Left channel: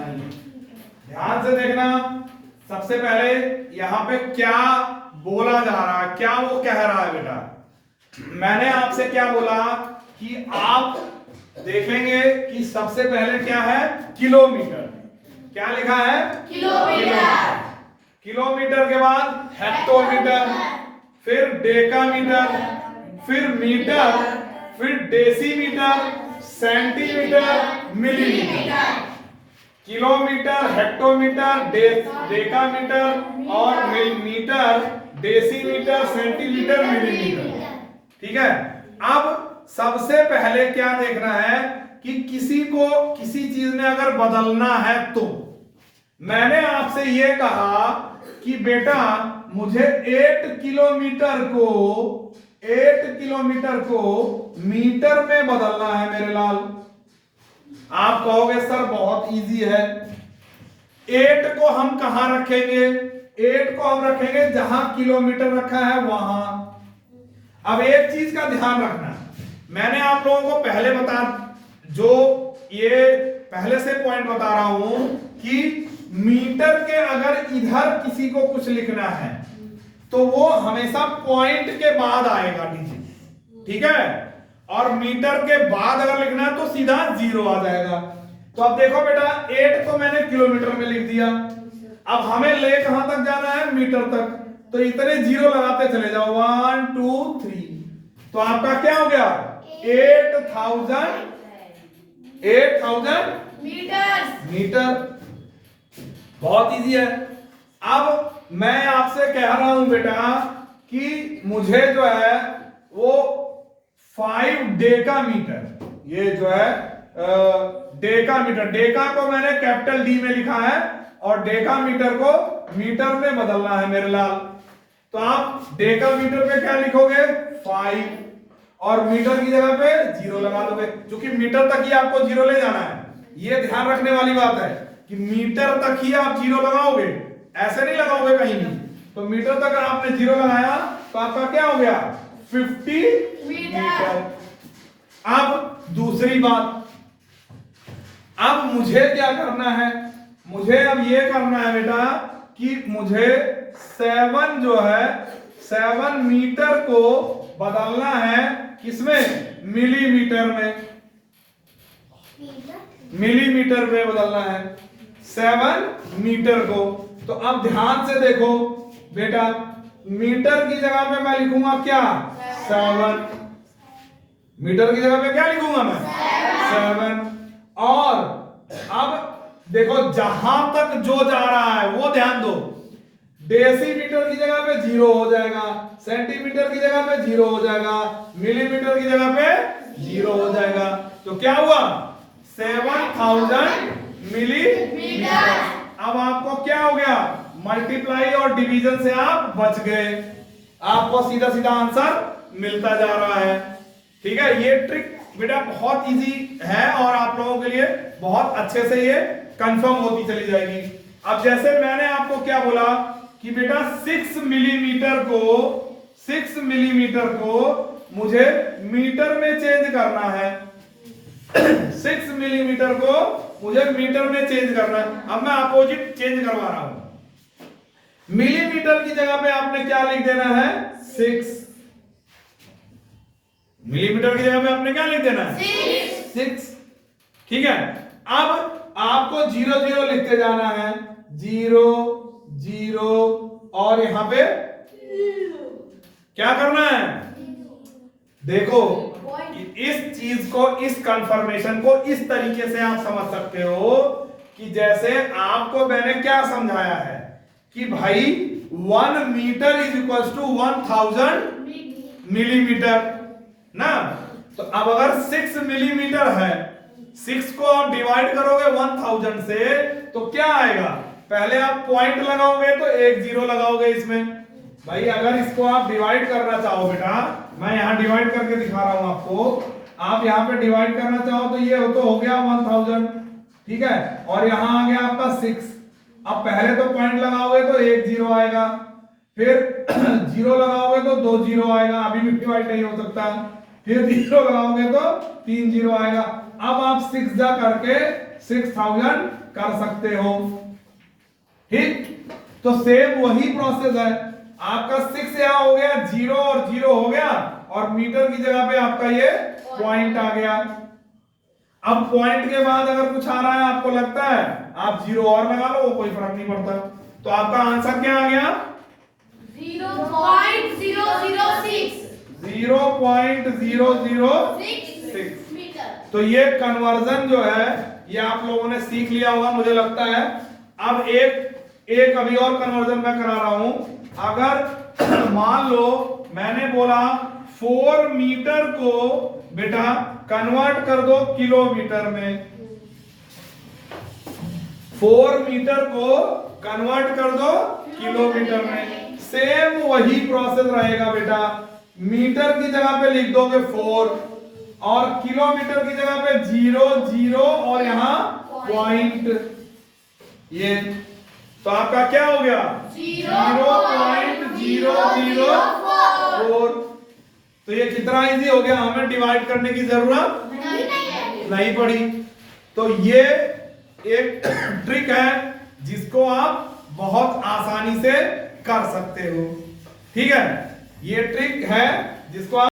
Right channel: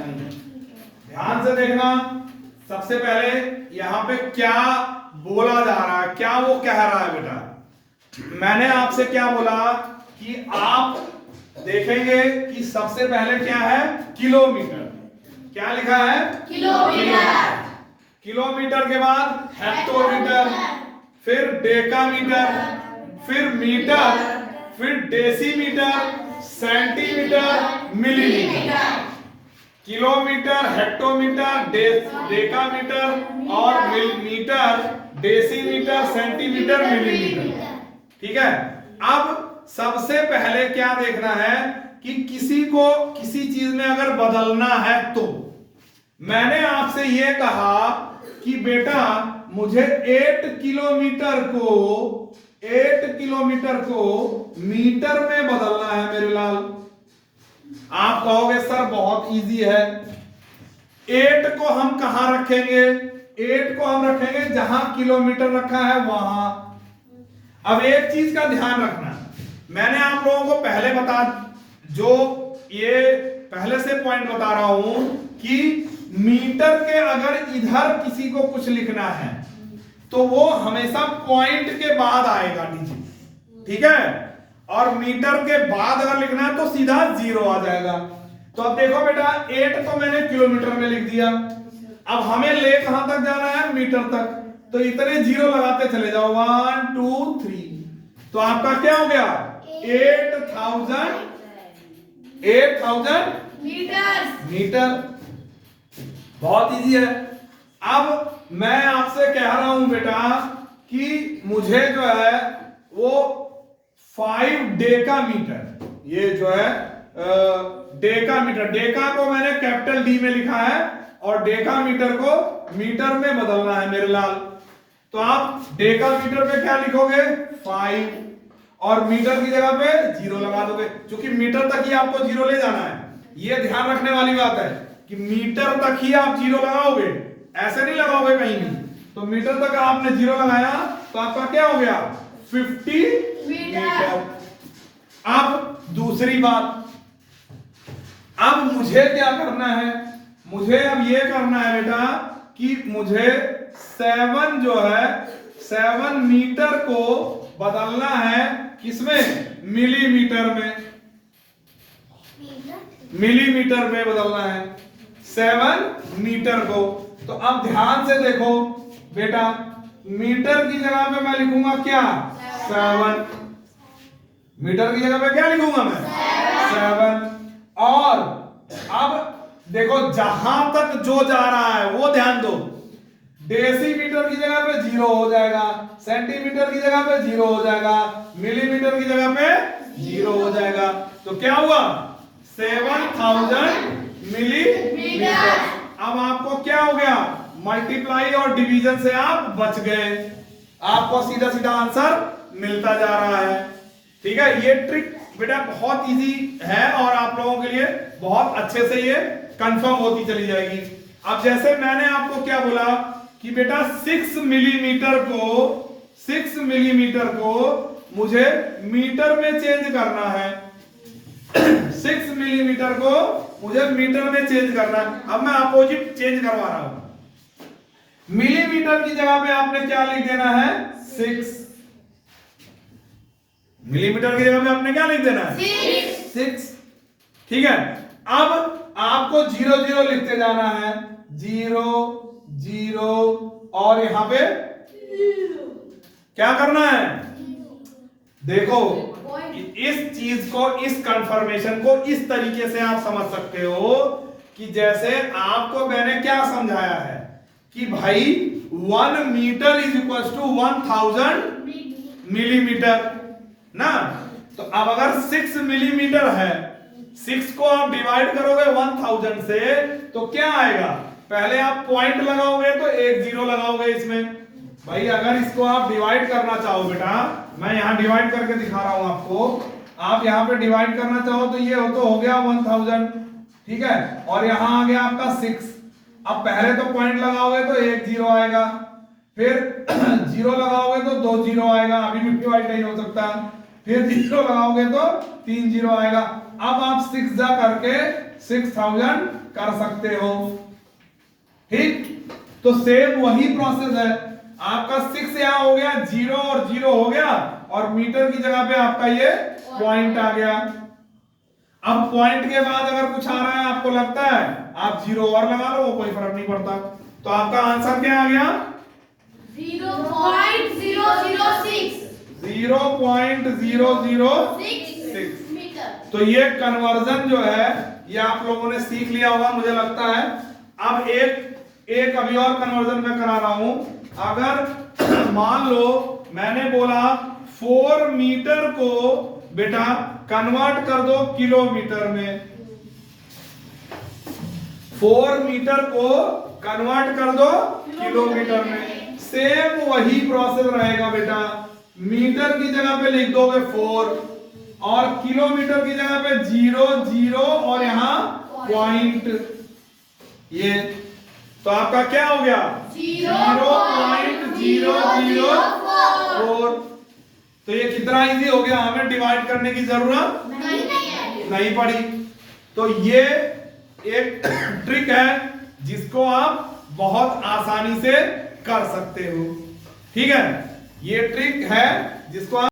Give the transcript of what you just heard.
ध्यान से देखना, सबसे पहले यहाँ पे क्या बोला जा रहा है, क्या वो कह रहा है बेटा। मैंने आपसे क्या बोला कि आप देखेंगे कि सबसे पहले क्या है, किलोमीटर। क्या लिखा है, किलोमीटर। किलोमीटर के बाद हेक्टोमीटर, फिर डेकामीटर, फिर मीटर, फिर decimetre, centimetre, millimetre. Kilometre, hectometre, decametre और मीटर, डेसीमीटर, सेंटीमीटर, मिलीमीटर। ठीक है। अब सबसे पहले क्या देखना है कि किसी को किसी चीज में अगर बदलना है तो मैंने आपसे यह कहा कि बेटा मुझे 8 किलोमीटर को मीटर में बदलना है मेरे लाल। आप कहोगे सर बहुत इजी है। 8 को हम कहां रखेंगे, 8 को हम रखेंगे जहां किलोमीटर रखा है वहां। अब एक चीज का ध्यान रखना, मैंने आप लोगों को पहले पहले से पॉइंट बता रहा हूं कि मीटर के अगर इधर किसी को कुछ लिखना है तो वो हमेशा पॉइंट के बाद आएगा नीचे, ठीक है। और मीटर के बाद अगर लिखना है तो सीधा 0 आ जाएगा। तो अब देखो बेटा 8 तो मैंने किलोमीटर में लिख दिया, अब हमें ले कहां तक जाना है, मीटर तक। तो इतने 0 लगाते चले जाओ, 1 2 3, तो आपका क्या हो गया, 8000 मीटर। बहुत इजी है। अब मैं आपसे कह रहा हूं बेटा कि मुझे जो है वो 5 डेकामीटर, ये जो है डेकामीटर, डेका को मैंने कैपिटल डी में लिखा है और डेकामीटर को मीटर में बदलना है मेरे लाल। तो आप डेकामीटर पे क्या लिखोगे, 5, और मीटर की जगह पे 0 लगा दोगे, क्योंकि मीटर तक ही आपको 0 ले जाना है। ये ध्यान रखने वाली बात है कि मीटर तक ही आप 0 लगाओगे, ऐसे नहीं लगाओगे कहीं भी। तो मीटर तक आपने 0 लगाया तो आपका क्या हो गया, 50 मीटर। अब दूसरी बात, अब मुझे क्या करना है, मुझे अब ये करना है बेटा कि मुझे 7 मीटर को बदलना है किसमें, मिलीमीटर में, मिलीमीटर में बदलना है 7 मीटर को। तो अब ध्यान से देखो बेटा, मीटर की जगह पे मैं लिखूंगा क्या, 7, मीटर की जगह पे क्या लिखूंगा मैं, 7। और अब देखो जहां तक जो जा रहा है वो ध्यान दो, डेसीमीटर की जगह पे 0 हो जाएगा, सेंटीमीटर की जगह पे 0 हो जाएगा, मिलीमीटर की जगह पे 0 हो जाएगा। तो क्या हुआ, 7000 मिलीमीटर। अब आपको क्या हो गया, मल्टीप्लाई और डिवीजन से आप बच गए, आपको सीधा सीधा आंसर मिलता जा रहा है। ठीक है, ये ट्रिक बेटा बहुत इजी है और आप लोगों के लिए बहुत अच्छे से ये कंफर्म होती चली जाएगी। अब जैसे मैंने आपको क्या बोला कि बेटा 6 मिलीमीटर को मुझे मीटर में चेंज करना है, 6 मिलीमीटर को मुझे मीटर में चेंज करना है। अब मैं अपोजिट चेंज करवा रहा हूं, मिलीमीटर की जगह पे आपने क्या लिख देना है, 6। मिलीमीटर की जगह पे आपने क्या लिख देना है, 6। ठीक है, अब आपको 0 0 लिखते जाना है, 0 0 और यहां पे क्या करना है, देखो इस चीज को, इस कंफर्मेशन को इस तरीके से आप समझ सकते हो कि जैसे आपको मैंने क्या समझाया है कि भाई 1 metre is equal to 1000 millimetre ना। तो अब अगर 6 मिलीमीटर है, 6 को आप डिवाइड करोगे 1000 से तो क्या आएगा, पहले आप पॉइंट लगाओगे तो 1 0 लगाओगे इसमें। भाई अगर इसको आप डिवाइड करना चाहो बेटा, मैं यहां डिवाइड करके दिखा रहा हूं आपको, आप यहां पे डिवाइड करना चाहो तो ये हो गया 1000, ठीक है, और यहां आ गया आपका 6। अब पहले तो पॉइंट लगाओगे तो 1 0 आएगा, फिर 0 लगाओगे तो 2 0 आएगा, अभी भी डिवाइड नहीं हो सकता, फिर 0 लगाओगे तो 3 0 आएगा। अब आप 6 जा करके 6000 कर सकते हो। ठीक, तो सेम वही प्रोसेस है। आपका 6 यहां हो गया, 0 और 0 हो गया, और मीटर की जगह पे आपका ये पॉइंट आ गया। अब पॉइंट के बाद अगर कुछ आ रहा है आपको लगता है, आप 0 और लगा लो, वो कोई फर्क नहीं पड़ता। तो आपका आंसर क्या आ गया? 0.006 0.006। तो ये कन्वर्जन जो है ये आप लोगों ने सीख लिया होगा मुझे लगता है। अब एक अभी और कन्वर्जन मैं करा रहा हूं। अगर मान लो मैंने बोला 4 मीटर को बेटा कन्वर्ट कर दो किलोमीटर में, 4 मीटर को कन्वर्ट कर दो किलोमीटर में। सेम वही प्रोसेस रहेगा बेटा, मीटर की जगह पे लिख दोगे 4 और किलोमीटर की जगह पे 0 0 और यहां पॉइंट। ये तो आपका क्या हो गया? 0.004। तो ये कितना इजी हो गया, हमें डिवाइड करने की जरूरत नहीं पड़ी। तो ये एक ट्रिक है जिसको आप बहुत आसानी से कर सकते हो। ठीक है, ये ट्रिक है जिसको आप